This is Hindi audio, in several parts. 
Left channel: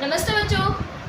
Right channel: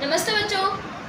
नमस्ते बच्चों।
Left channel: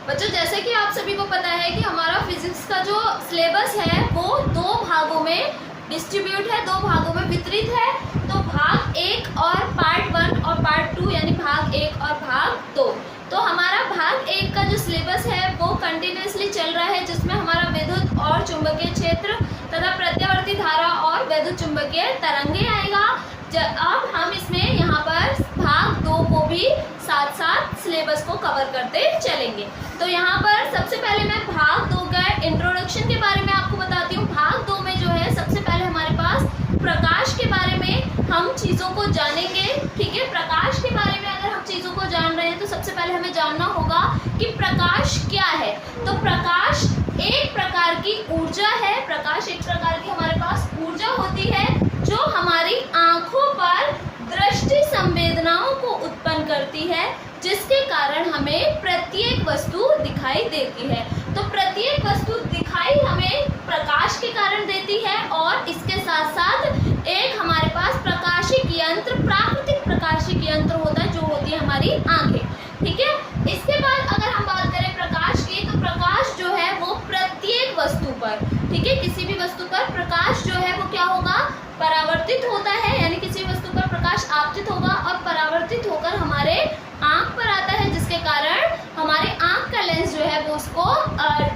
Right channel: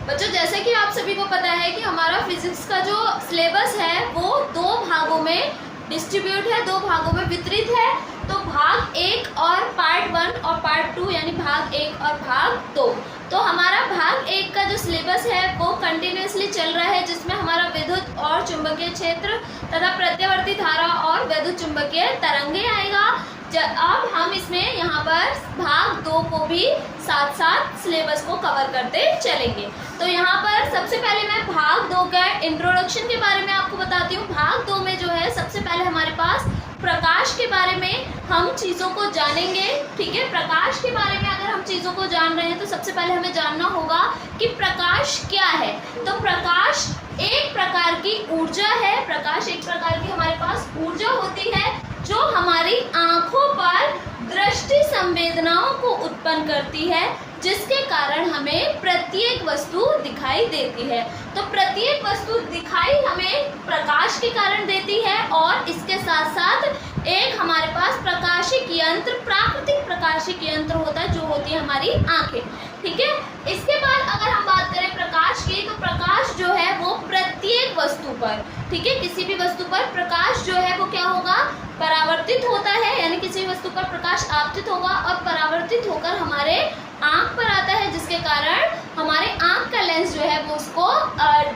बच्चों, जैसे कि आप सभी को पता है कि हमारा फिजिक्स का जो सिलेबस है वो दो भागों में डिस्ट्रीब्यूट है, दो भागों में वितरित है। तो भाग 1 और पार्ट 1 और पार्ट 2 यानी भाग 1 और भाग 2। तो हमारा भाग 1 का जो सिलेबस है वो कंटिन्यूसली चल रहा है, जिसमें हमारा विद्युत और चुंबकीय क्षेत्र तथा प्रत्यावर्ती धारा और वैद्युत चुंबकीय तरंगे आएगा। अब हम इसमें यहाँ पर भाग 2 को भी साथ साथ सिलेबस को कवर करते चलेंगे। तो यहाँ पर सबसे पहले मैं भाग 2 का इंट्रोडक्शन के बारे में आपको बताती हूँ। भाग 2 में जो है सबसे पहले हमारे पास प्रकाश के बारे में हम चीज़ों को जानेंगे। ठीक है, प्रकाश के बारे में अगर हम चीज़ों को जान रहे हैं तो सबसे पहले हमें जानना होगा कि प्रकाश क्या है। तो प्रकाश एक प्रकार की ऊर्जा है। प्रकाश एक प्रकार की हमारे पास ऊर्जा होती है जो हमारी आंखों पर दृष्टि संवेदनाओं को उत्पन्न करती है, जिसके कारण हमें प्रत्येक वस्तु दिखाई देती है। तो प्रत्येक वस्तु दिखाई हमें प्रकाश के कारण देती है, और इसके साथ साथ एक हमारे पास प्रकाशिक यंत्र, प्राकृतिक प्रकाशिक यंत्र होता है, जो होती है हमारी आंखें। ठीक है, इसके बाद अगर हम बात करें प्रकाश की, तो प्रकाश जो है वो प्रत्येक वस्तु पर, ठीक है, किसी भी वस्तु पर प्रकाश जो है वो क्या होगा, परावर्तित होता है। यानी किसी वस्तु पर प्रकाश आपतित होगा और परावर्तित होकर हमारे आंख पर आता है, जिसके कारण हमारे आंख का लेंस जो है वो उसको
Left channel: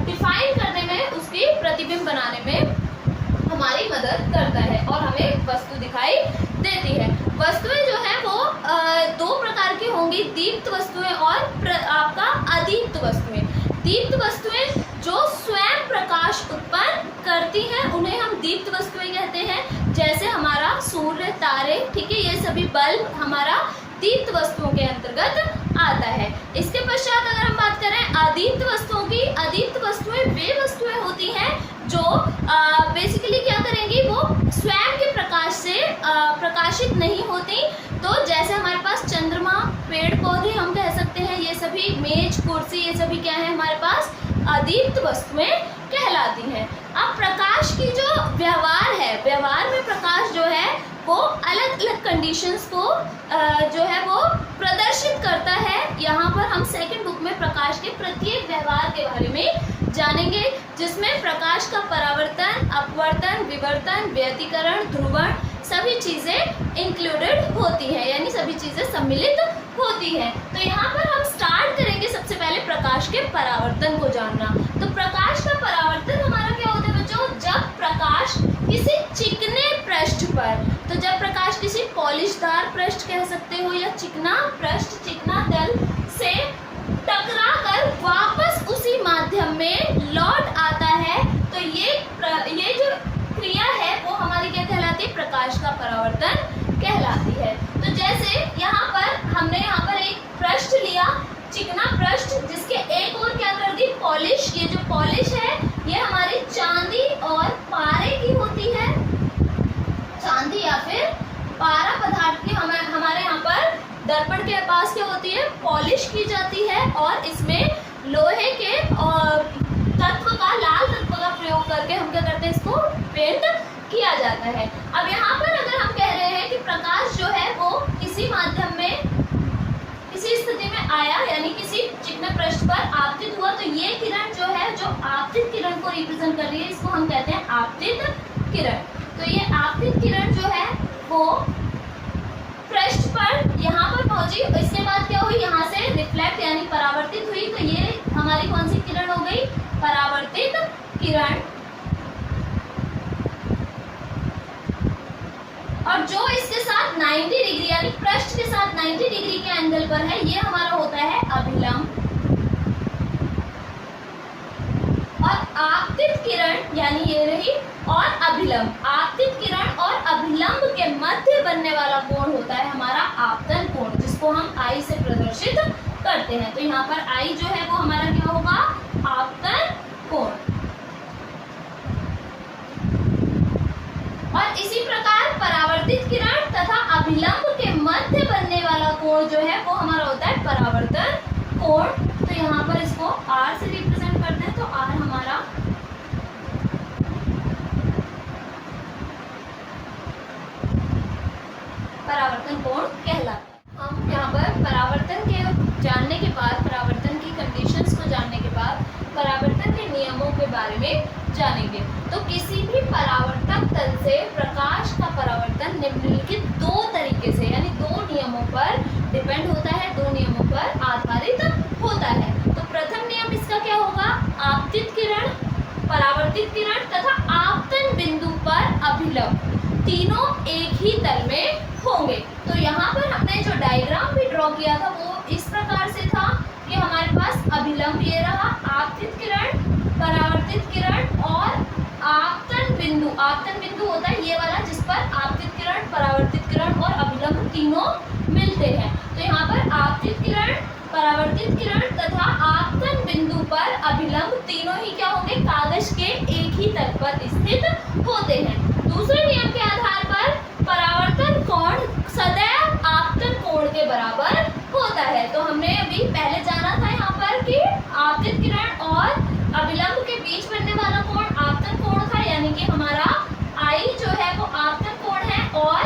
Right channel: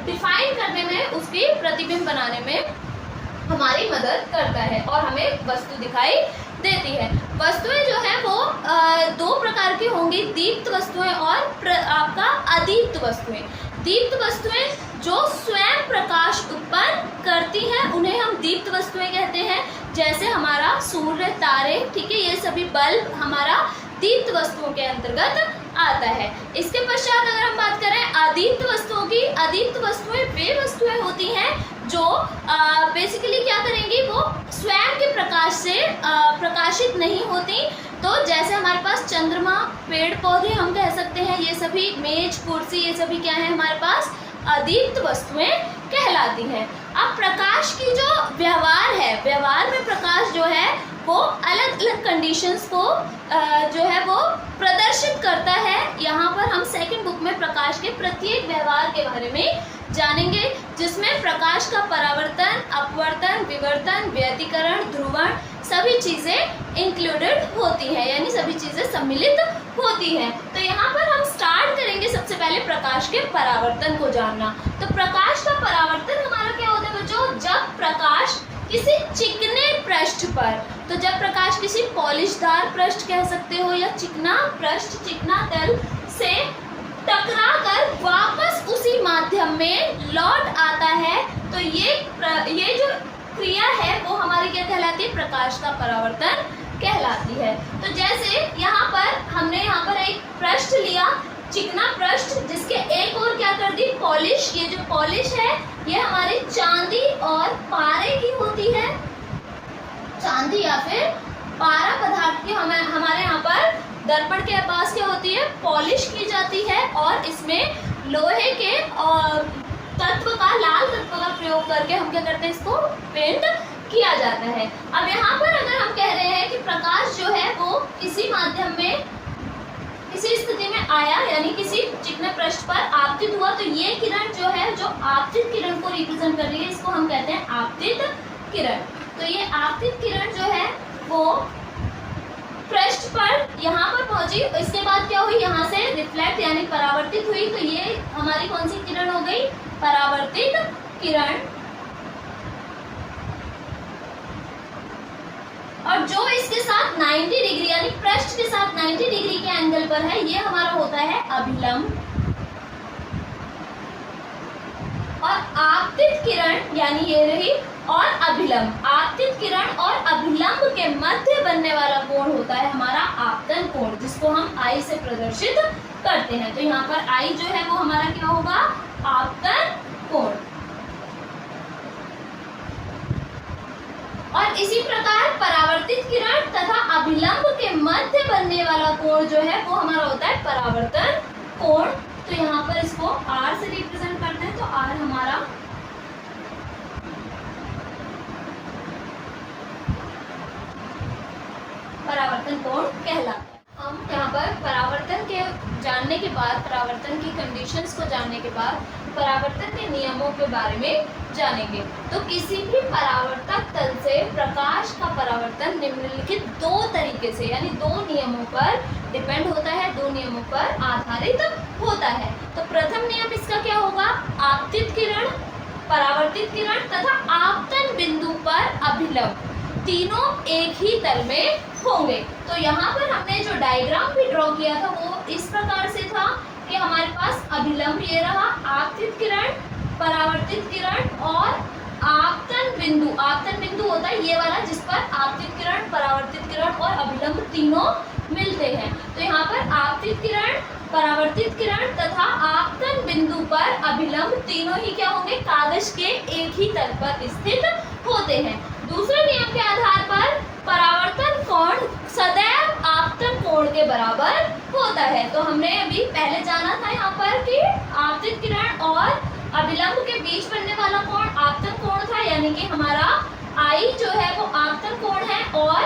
डिफाइन करने में, उसकी प्रतिबिंब बनाने में हमारी मदद करता है और हमें वस्तु दिखाई देती है। वस्तुएं जो है वो दो प्रकार की होंगी, दीप्त वस्तुएं और आपका अदीप्त वस्तुएं। दीप्त वस्तुएं जो स्वयं प्रकाश उत्पन्न करती हैं उन्हें हम दीप्त वस्तुएं कहते हैं। जैसे हमारा सूर्य, तारे, ठीक है, ये सभी बल्ब हमारा दीप्त वस्तुओं के अंतर्गत आता है। इसके पश्चात अगर हम बात करें अदीप्त वस्तुओं की, अदीप्त वस्तुएं वे वस्तुएं होती हैं जो बेसिकली क्या करेंगी, वो स्वयं के प्रकाश से प्रकाशित नहीं होती। तो जैसे हमारे पास चंद्रमा, पेड़ पौधे हम कह सकते हैं, ये सभी मेज, कुर्सी, ये सभी क्या है हमारे पास अदीप्त वस्तुएं कहलाती हैं। अब प्रकाश की जो व्यवहार है, व्यवहार में प्रकाश जो है वो अलग अलग कंडीशंस को जो है वो प्रदर्शित करता है। यहाँ पर हम सेकंड बुक में प्रकाश के प्रत्येक व्यवहार के बारे में जानेंगे, जिसमें प्रकाश का परावर्तन, अपवर्तन, विवर्तन, व्यतिकरण, ध्रुवण सभी चीज़ें इंक्लूडेड होती हैं, यानी सभी चीज़ें सम्मिलित होती हैं। तो यहाँ पर हम स्टार्ट करेंगे सबसे पहले प्रकाश के परावर्तन को जानना। तो प्रकाश का परावर्तन हमारा क्या होता है बच्चों, जब प्रकाश किसी चिकने पृष्ठ पर, तो जब प्रकाश किसी पॉलिशदार पृष्ठ कह सकते हो या चिकना पृष्ठ, चिकना तल से टकराकर वापस उसी माध्यम में लौट आता है, तो ये जो क्रिया है वो हमारी क्या कहलाती है, प्रकाश का परावर्तन कहलाती है। तो जैसे यहाँ पर हमने यहाँ पर एक पृष्ठ लिया, चिकना पृष्ठ, जिसके एक और क्या कर दी, पॉलिश। ये जो पॉलिश है ये हमारी चांदी और पारे की होती है, चांदी या फिर पारा पदार्थ की हमारे यहाँ पर दर्पण के पास क्या होती है, पॉलिश की जाती है, और इसमें लोहे के तत्व का, लाल तत्व का प्रयोग करके हम क्या करते हैं, इसको पेंट किया जाता है। अब यहाँ पर अगर हम कह रहे हैं कि प्रकाश जो है वो किसी माध्यम में, किसी स्थिति में आया, यानी किसी चिकने पृष्ठ पर आपतित हुआ, तो ये किरण जो है, जो आपतित किरण को रिप्रेजेंट कर रही है, इसको हम कहते हैं आपतित किरण। तो ये आपतित किरण जो है वो पृष्ठ पर यहाँ पर पहुंची, इसके बाद क्या हुई, यहाँ से रिफ्लेक्ट यानी परावर्तित हुई, तो ये हमारी कौन सी किरण हो गई, परावर्तित किरण। और जो इसके साथ 90 डिग्री यानी पृष्ठ के साथ 90 डिग्री के एंगल पर है, ये हमारा होता है अभिलंब। और आपतित किरण यानी ये रही, और अभिलंब, आपतित किरण और अभिलंब के मध्य बनने वाला कोण होता है हमारा आपतन कोण, जिसको हम आई से प्रदर्शित करते हैं। तो यहाँ पर आई जो है वो हमारा क्या होगा, आपतन कोण। और इसी प्रकार परावर्तित किरण तथा अभिलंब के मध्य बनने वाला कोण जो है वो हमारा होता है परावर्तन कोण। तो यहाँ पर इसको R से रिप्रेजेंट करते हैं, तो R हमारा परावर्तन कोण कहलाता है। हम यहाँ पर परावर्तन के जानने के बाद, परावर्तन की डेफिनेशंस को जानने के बाद परावर्तन के नियमों के बारे में जानेंगे। तो किसी भी परावर्तक तल से प्रकाश का परावर्तन निम्नलिखित दो तरीके से यानी दो नियमों पर डिपेंड होता है, दो नियमों पर आधारित होता है। तो प्रथम नियम इसका क्या होगा? आपतित किरण, परावर्तित किरण तथा आपतन बिंदु पर अभिलंब तीनों एक ही तल में होंगे। तो यहाँ पर हमने जो डायग्राम भी ड्रॉ किया था वो इस प्रकार से था कि हमारे पास अभिलंब ये रहा, आपतित किरण, परावर्तित किरण और आपतन बिंदु। आपतन बिंदु होता है ये वाला जिस पर आपतित किरण, परावर्तित किरण और अभिलंब तीनों मिलते हैं। तो यहाँ पर आपतित किरण, परावर्तित किरण तथा आपतन बिंदु पर अभिलंब तीनों ही क्या होंगे? कागज के एक ही तल पर स्थित होते हैं। दूसरे नियम के आधार पर परावर्तन कोण सदैव आपतन कोण के बराबर होता है। तो हमने अभी पहले जाना था यहाँ पर कि आपतित किरण और अभिलंब के बीच बनने वाला कोण आपतन कोण था, यानी कि हमारा आई जो है वो आपतन कोण है और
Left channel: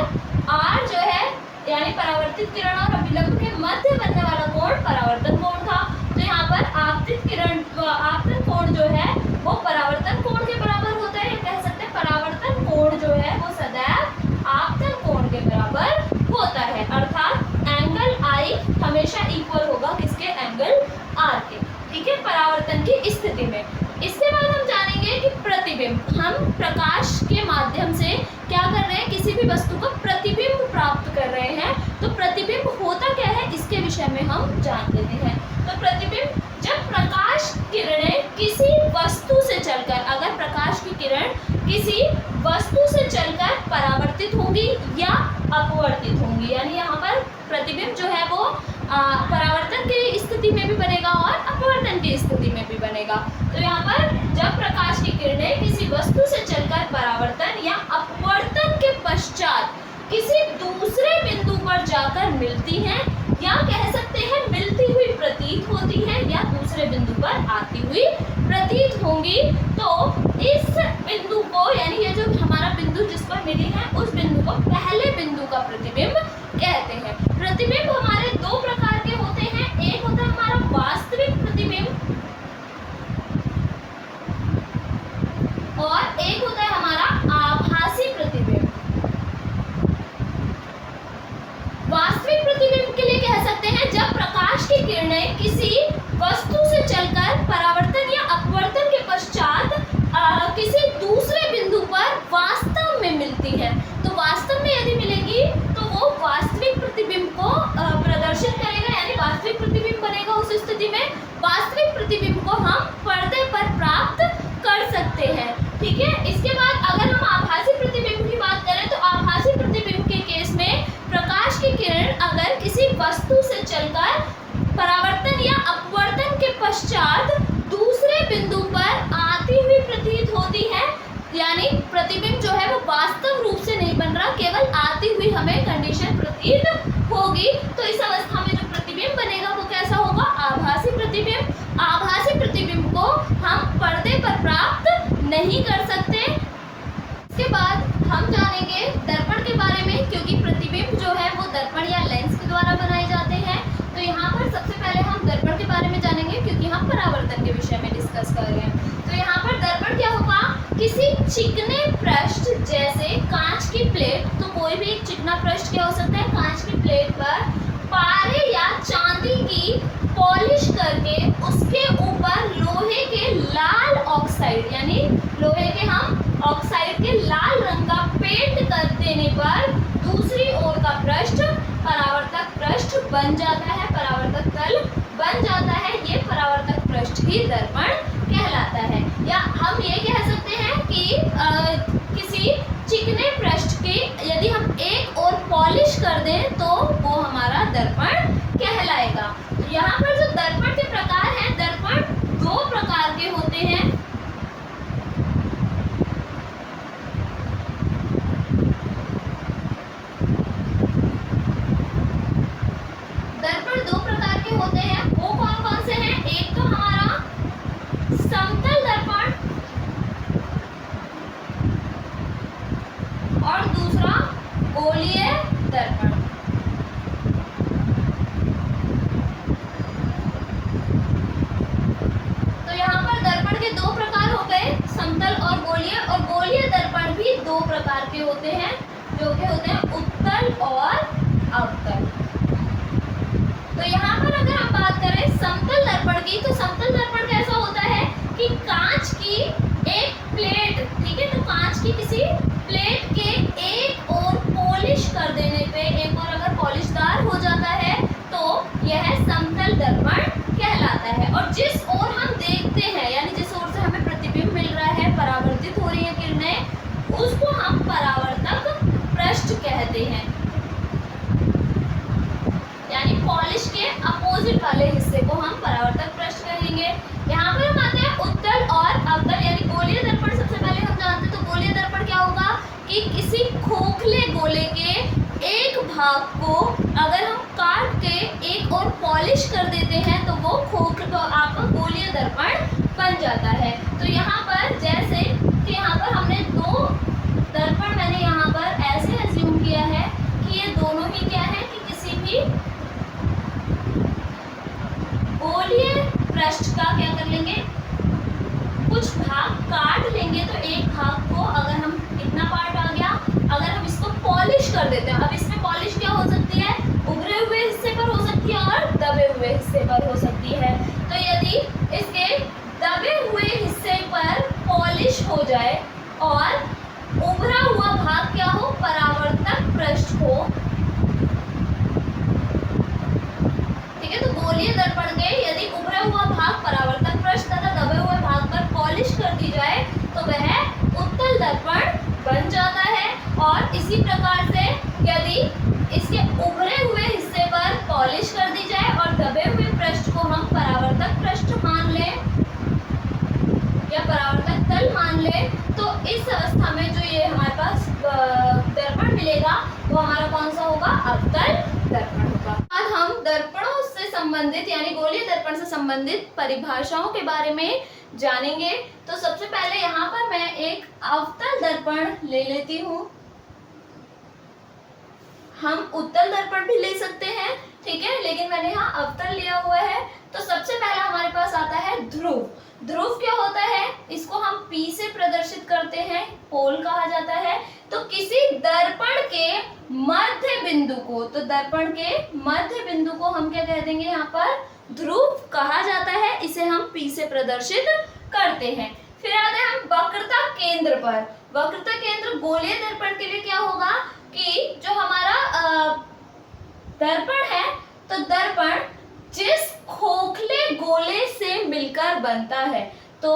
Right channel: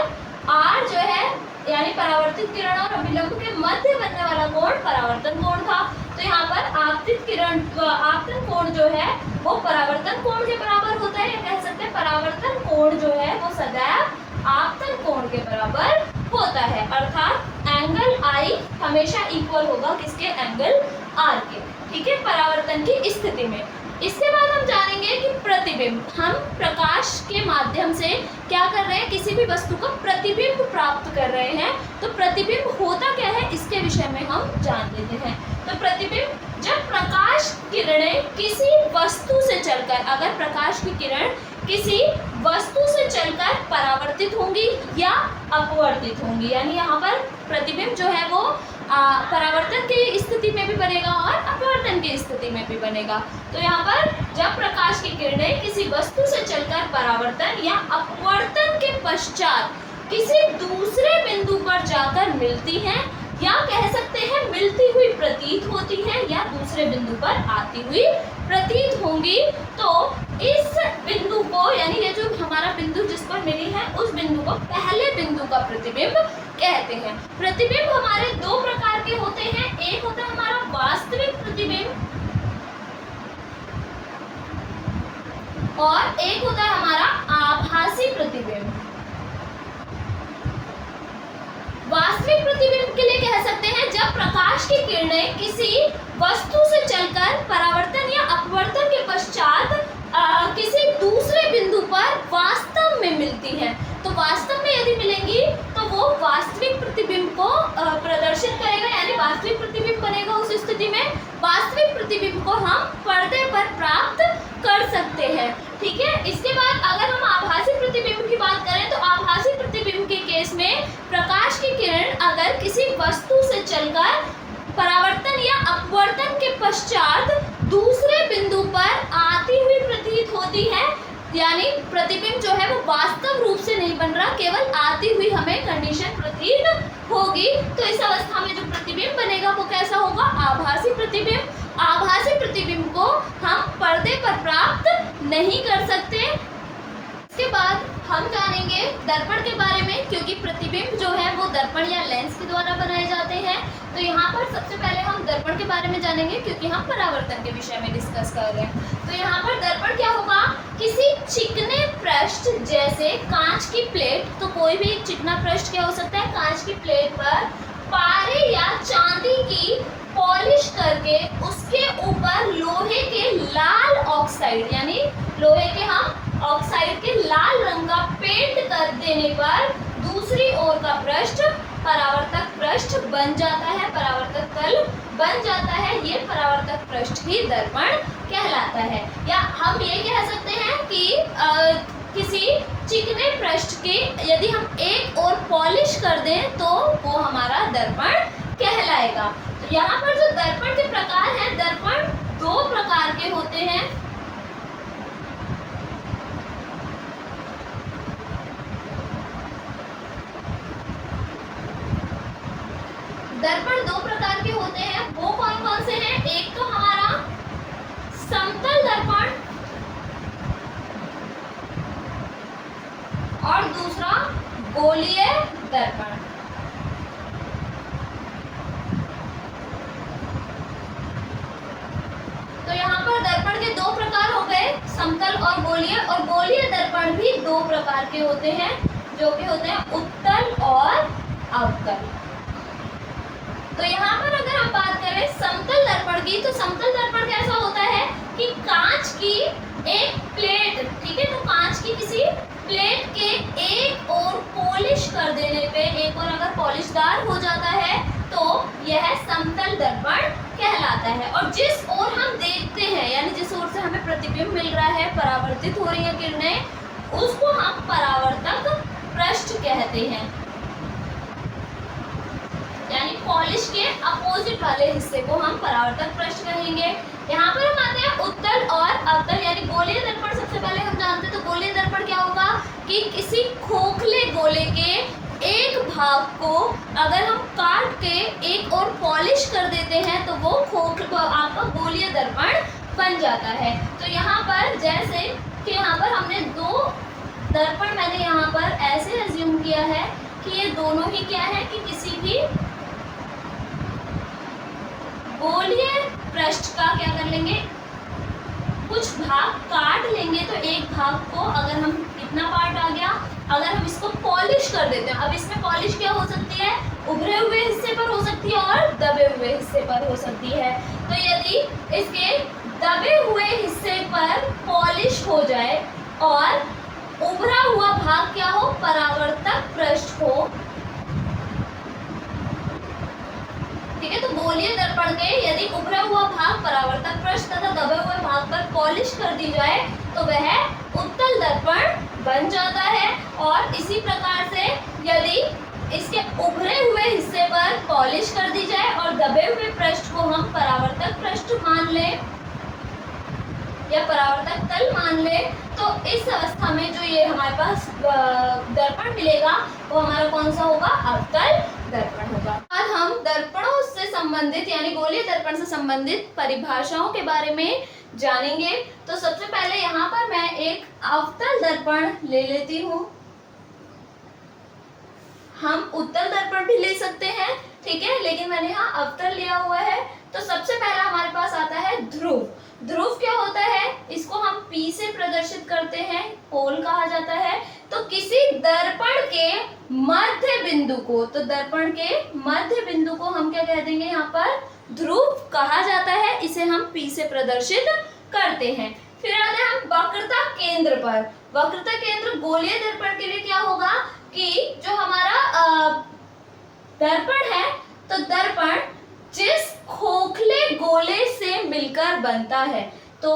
आर जो है यानी परावर्तित किरण और अभिलंब के मध्य बनने वाला कोण परावर्तन कोण था। तो यहाँ पर आपतित किरण आपतन कोण जो है वो परावर्तन कोण के बराबर होता है, या कह सकते हैं परावर्तन कोण जो है वो सदैव आपतन कोण के बराबर होता है, अर्थात एंगल आई हमेशा इक्वल होगा किसके? एंगल आर के। ठीक है, परावर्तन की स्थिति में। इसके बाद हम जानेंगे कि प्रतिबिंब, हम प्रकाश के माध्यम से क्या कर रहे हैं? किसी भी वस्तु का प्रतिबिंब प्राप्त कर रहे हैं। तो प्रतिबिंब होता क्या है इसके विषय में हम जान लेते हैं। तो प्रतिबिंब, जब प्रकाश किरणें किसी वस्तु से चलकर, अगर प्रकाश की किरण किसी वस्तु से चलकर परावर्तित होंगी या अपवर्तित होंगी, यानी यहाँ पर प्रतिबिंब जो है वो परावर्तन की स्थिति में भी बनेगा और अपवर्तन की स्थिति में भी बनेगा। तो यहाँ पर जब प्रकाश की किरणें किसी वस्तु से चलकर परावर्तन या अपवर्तन के पश्चात किसी दूसरे बिंदु पर जाकर मिलती हैं या कह सकते हैं मिलती हुई प्रतीत होती हैं या दूसरे बिंदु पर आती हुई प्रतीत होंगी, तो इस बिंदु को यानी ये जो हमारा बिंदु जिस पर मिली है उस बिंदु को पहले बिंदु का प्रतिबिंब कहते हैं। प्रतिबिंब हमारे दो प्रकार के होते हैं, एक होता है हमारा वास्तविक प्रतिबिंब और एक होता है हमारा आभासी प्रतिबिंब। वास्तविक प्रतिबिंब के लिए कह सकते हैं जब प्रकाश की किरणें किसी वस्तु से चलकर परावर्तन या अपवर्तन के पश्चात किसी दूसरे बिंदु पर वास्तव में मिलती हैं। तो वास्तव में यदि मिलेंगी तो वो वास्तविक प्रतिबिंब को प्रदर्शित करेगा, यानी वास्तविक प्रतिबिंब बनेगा। उस स्थिति में वास्तविक प्रतिबिंब को हम पर्दे पर प्राप्त कर सकते हैं। ठीक है, इसके बाद अगर हम आभासी प्रतिबिंब की बात करें तो आभासी प्रतिबिंब के केस में प्रकाश की किरण अगर किसी वस्तु से चलकर परावर्तन या अपवर्तन के पश्चात दूसरे बिंदु पर आती हुई प्रतीत होती है, यानी प्रतिबिंब जो है वो वास्तव रूप से नहीं बन रहा, केवल आती हुई हमें कंडीशन प्रतीत होगी, तो इस अवस्था में जो प्रतिबिंब बनेगा वो कैसा होगा? आभासी प्रतिबिंब। आभासी प्रतिबिंब को हम पर्दे पर प्राप्त नहीं कर सकते। इसके बाद हम जानेंगे दर्पण के बारे में, क्योंकि प्रतिबिंब जो है वो दर्पण या लेंस के द्वारा बनाए जाते हैं। तो यहाँ पर सबसे पहले हम दर्पण के बारे में जानेंगे, क्योंकि हम परावर्तन के विषय में डिस्कस कर रहे हैं। तो यहाँ पर दर्पण क्या होगा? किसी चिकने पृष्ठ जैसे कांच की प्लेट, तो कोई भी एक चिकना पृष्ठ क्या हो सकता है? कांच की प्लेट पर पारे या चांदी की पॉलिश करके उसके ऊपर लोहे के लाल ऑक्साइड यानी लोहे के हम ऑक्साइड के लाल रंग का पेंट कर देने पर दूसरी ओर का पृष्ठ परावर्तक पृष्ठ बन जाता है, परावर्तक तल बन जाता है। ये परावर्तक पृष्ठ ही दर्पण कहलाता है। या हम ये कह सकते हैं कि किसी चिकने पृष्ठ के यदि हम एक और पॉलिश कर दें तो वो हमारा दर्पण कहलाएगा। तो यहाँ पर जो दर्पण के प्रकार हैं, दर्पण दो प्रकार के होते हैं। दर्पण दो प्रकार के होते हैं, वो कौन कौन से हैं? एक तो हमारा समतल दर्पण और दूसरा गोलीय दर्पण। प्रकार हो गए, समतल और गोलीय। और गोलीय दर्पण भी दो प्रकार के होते हैं, जो कि होते हैं उत्तल और अवतल। तो यहाँ पर अगर हम बात करें समतल दर्पण की, तो समतल दर्पण कैसा होता है कि कांच की एक प्लेट, ठीक है, तो कांच की किसी प्लेट के एक और पॉलिश कर देने पे, एक और अगर पॉलिशदार हो जाता है तो यह समतल दर्पण कहलाता है। और जिस ओर हम देखते हैं, यानी जिस ओर से हमें प्रतिबिंब मिल रहा है, परावर्तित हो रही है किरणें, उसको हम परावर्तक पृष्ठ कहते हैं, यानी पॉलिश के अपोजिट वाले हिस्से को हम परावर्तक पृष्ठ कहेंगे। यहाँ पर हम आते हैं उत्तल और अवतल, यानी गोलीय दर्पण। सबसे पहले हम जानते हैं तो गोलीय दर्पण क्या होगा कि किसी खोखले गोले के एक भाग को अगर हम काट के एक और पॉलिश कर देते हैं तो वो आपका गोलीय दर्पण बन जाता है। तो यहाँ पर जैसे कि यहाँ पर हमने दो दर्पण, मैंने यहाँ पर ऐसे अज्यूम किया है कि ये दोनों ही क्या है कि किसी भी गोलीय पृष्ठ का क्या कर लेंगे, कुछ भाग काट लेंगे। तो एक भाग को अगर हम, कितना पार्ट आ गया, अगर हम इसको पॉलिश कर देते हैं, अब इसमें पॉलिश क्या हो सकती है, उभरे हुए हिस्से पर हो सकती है और दबे हुए हिस्से पर हो सकती है। तो यदि इसके दबे हुए हिस्से पर पॉलिश हो जाए और उभरा हुआ भाग क्या हो, परावर्तक पृष्ठ हो, ठीक है, तो गोलीय दर्पण के यदि उभरा हुआ भाग परावर्तक पृष्ठ तथा दबे हुए भाग पर पॉलिश कर दी जाए तो वह उत्तल दर्पण बन जाता है। और इसी प्रकार से यदि इसके उभरे हुए हिस्से पर पॉलिश कर दी जाए और दबे हुए पृष्ठ को हम परावर्तक पृष्ठ मान लें या परावर्तक तल मान ले, तो इस अवस्था में जो ये हमारे पास दर्पण मिलेगा वो हमारा कौन सा होगा, अवतल दर्पण होगा। आज हम दर्पणों से संबंधित यानी गोलीय दर्पण से संबंधित परिभाषाओं के बारे में जानेंगे। तो सबसे पहले यहाँ पर मैं एक अवतल दर्पण ले लेती हूँ। हम उत्तल दर्पण भी ले सकते हैं, ठीक है, लेकिन मैंने यहाँ अवतल लिया हुआ है। तो सबसे पहला हमारे पास आता है ध्रुव। ध्रुव क्या होता है, इसको हम P से प्रदर्शित करते हैं, पोल कहा जाता है। तो किसी दर्पण के मध्य बिंदु को, तो दर्पण के मध्य बिंदु को हम क्या कह देंगे, यहाँ पर ध्रुव कहा जाता है। इसे हम P से प्रदर्शित करते हैं। फिर आते हैं हम वक्रता केंद्र पर। वक्रता केंद्र गोलीय दर्पण के लिए क्या होगा कि जो हमारा दर्पण है, तो दर्पण जिस खोखले गोले से मिलकर बनता है, तो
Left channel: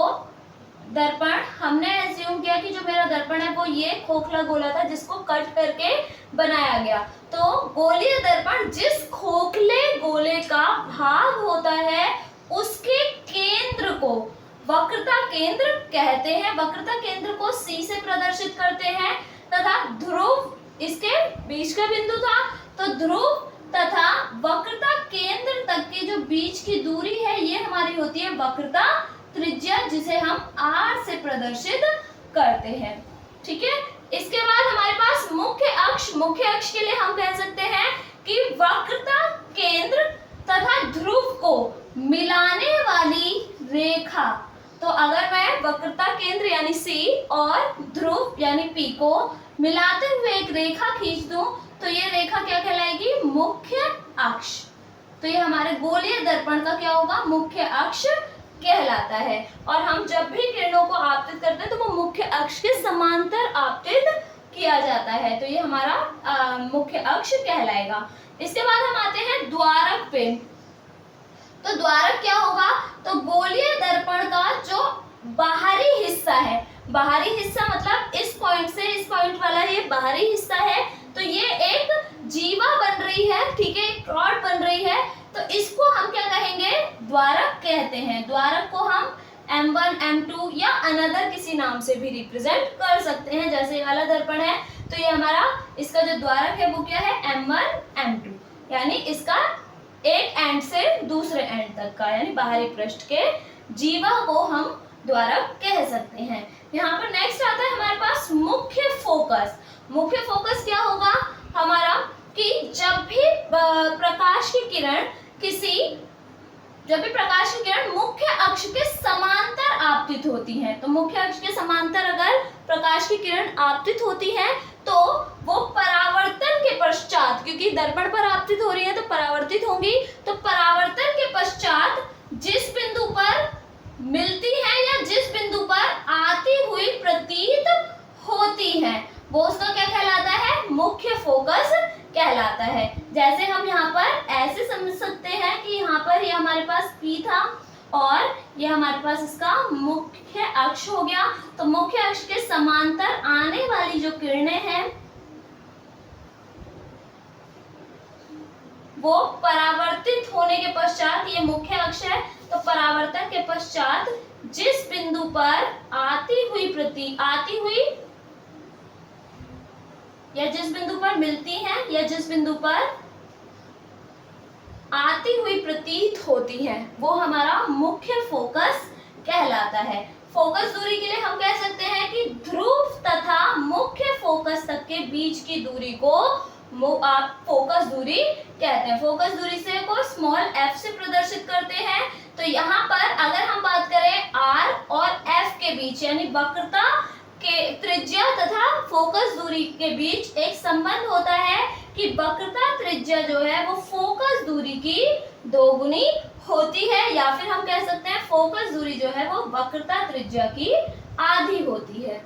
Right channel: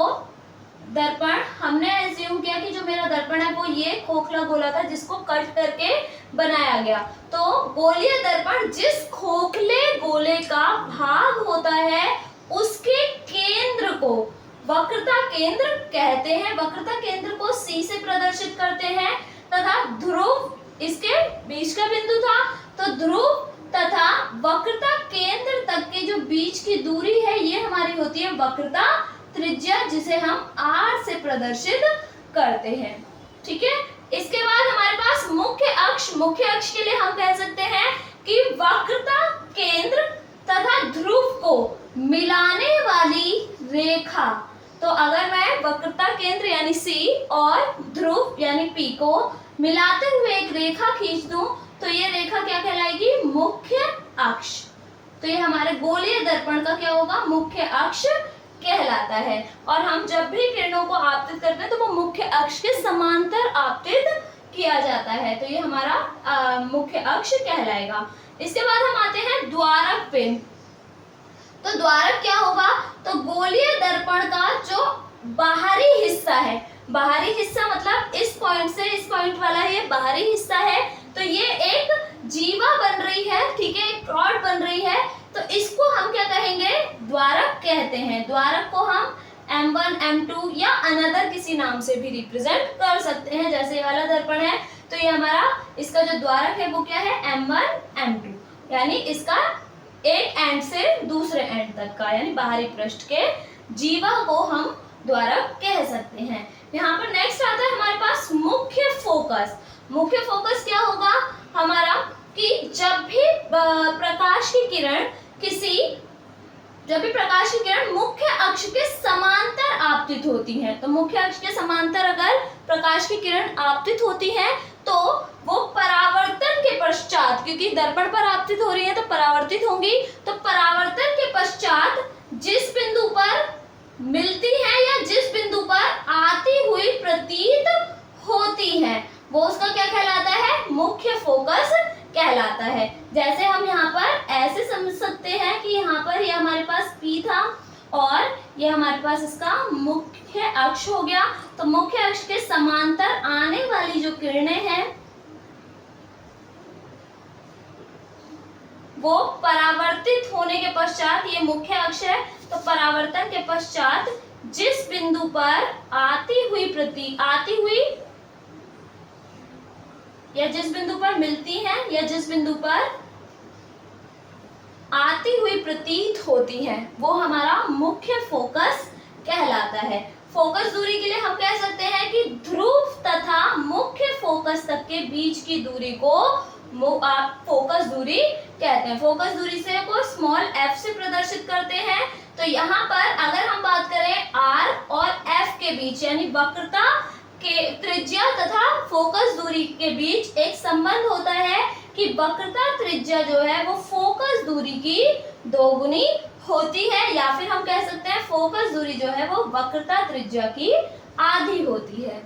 दर्पण हमने एज्यूम किया कि जो मेरा दर्पण है वो ये खोखला गोला था जिसको कट करके बनाया गया। तो गोलीय दर्पण जिस खोखले गोले का भाग होता है उसके केंद्र को वक्रता केंद्र कहते हैं। वक्रता केंद्र को C से प्रदर्शित करते हैं तथा ध्रुव इसके बीच का बिंदु था। तो ध्रुव तथा वक्रता केंद्र तक की जो बीच की दूरी है ये हमारी होती है वक्रता त्रिज्या, जिसे हम R से प्रदर्शित करते हैं, ठीक है। इसके बाद हमारे पास मुख्य अक्ष। मुख्य अक्ष के लिए हम कह सकते हैं कि वक्रता केंद्र तथा ध्रुव को मिलाने वाली रेखा। तो अगर मैं वक्रता केंद्र यानी C और ध्रुव यानी P को मिलाते हुए एक रेखा खींच दूं तो ये रेखा क्या कहलाएगी, मुख्य अक्ष। तो ये हमारे गोलीय दर्पण का क्या होगा, मुख्य अक्ष कहलाता है। और हम जब भी किरणों को आपतित करते हैं तो वो मुख्य अक्ष के समांतर आपतित किया जाता है। तो ये हमारा मुख्य अक्ष कहलाएगा। इसके बाद हम आते हैं द्वारक पे। तो द्वारक क्या होगा, तो गोलीय दर्पण का जो बाहरी हिस्सा है, बाहरी हिस्सा मतलब इस पॉइंट से इस पॉइंट वाला ये बाहरी हिस्सा है। तो ये एक जीवा बन रही है, ठीक है, एक रॉड बन रही है। तो इसको हम क्या कहेंगे, द्वारक कहते हैं। द्वारक को हम M1, M2 या अनदर किसी नाम से भी रिप्रेजेंट कर सकते हैं। जैसे ये वाला दर्पण है तो ये हमारा इसका जो द्वारक है वो क्या है, M1, M2, यानी इसका एक एंड से दूसरे एंड तक का यानी बाहरी पृष्ठ के जीवा को हम द्वारक कह सकते हैं। यहाँ पर नेक्स्ट आता है हमारे पास मुख्य फोकस। मुख्य फोकस क्या होगा हमारा कि जब भी प्रकाश की किरण मुख्य अक्ष के समांतर आपतित होती हैं। तो मुख्य अक्ष के समांतर अगर प्रकाश की किरण आपतित होती हैं तो वो परावर्तन के पश्चात, क्योंकि दर्पण पर आपतित हो रही है तो परावर्तित होंगी, तो परावर्तन के पश्चात जिस बिंदु पर मिलती है या जिस बिंदु पर आती हुई प्रतीत होती है वो उसका क्या कहलाता है, मुख्य फोकस कहलाता है। जैसे हम यहाँ पर ऐसे समझ सकते हैं कि यहाँ पर ये हमारे पास P था और ये हमारे पास इसका मुख्य अक्ष हो गया। तो मुख्य अक्ष के समांतर आने वाली जो किरणें हैं वो परावर्तित होने के पश्चात, ये मुख्य अक्ष है, तो परावर्तन के पश्चात जिस बिंदु पर आती हुई या जिस बिंदु पर मिलती हैं या जिस बिंदु पर आती हुई प्रतीत होती हैं वो हमारा मुख्य फोकस कहलाता है। फोकस दूरी के लिए हम कह सकते हैं कि ध्रुव तथा मुख्य फोकस तक के बीच की दूरी को आप फोकस दूरी कहते हैं। फोकस दूरी से को स्मॉल f से प्रदर्शित करते हैं। तो यहाँ पर अगर हम बात करें r और f के बीच यानी वक्रता के त्रिज्या तथा फोकस दूरी के बीच एक संबंध होता है कि वक्रता त्रिज्या जो है वो फोकस दूरी की दोगुनी होती है, या फिर हम कह सकते हैं फोकस दूरी जो है वो वक्रता त्रिज्या की आधी होती है।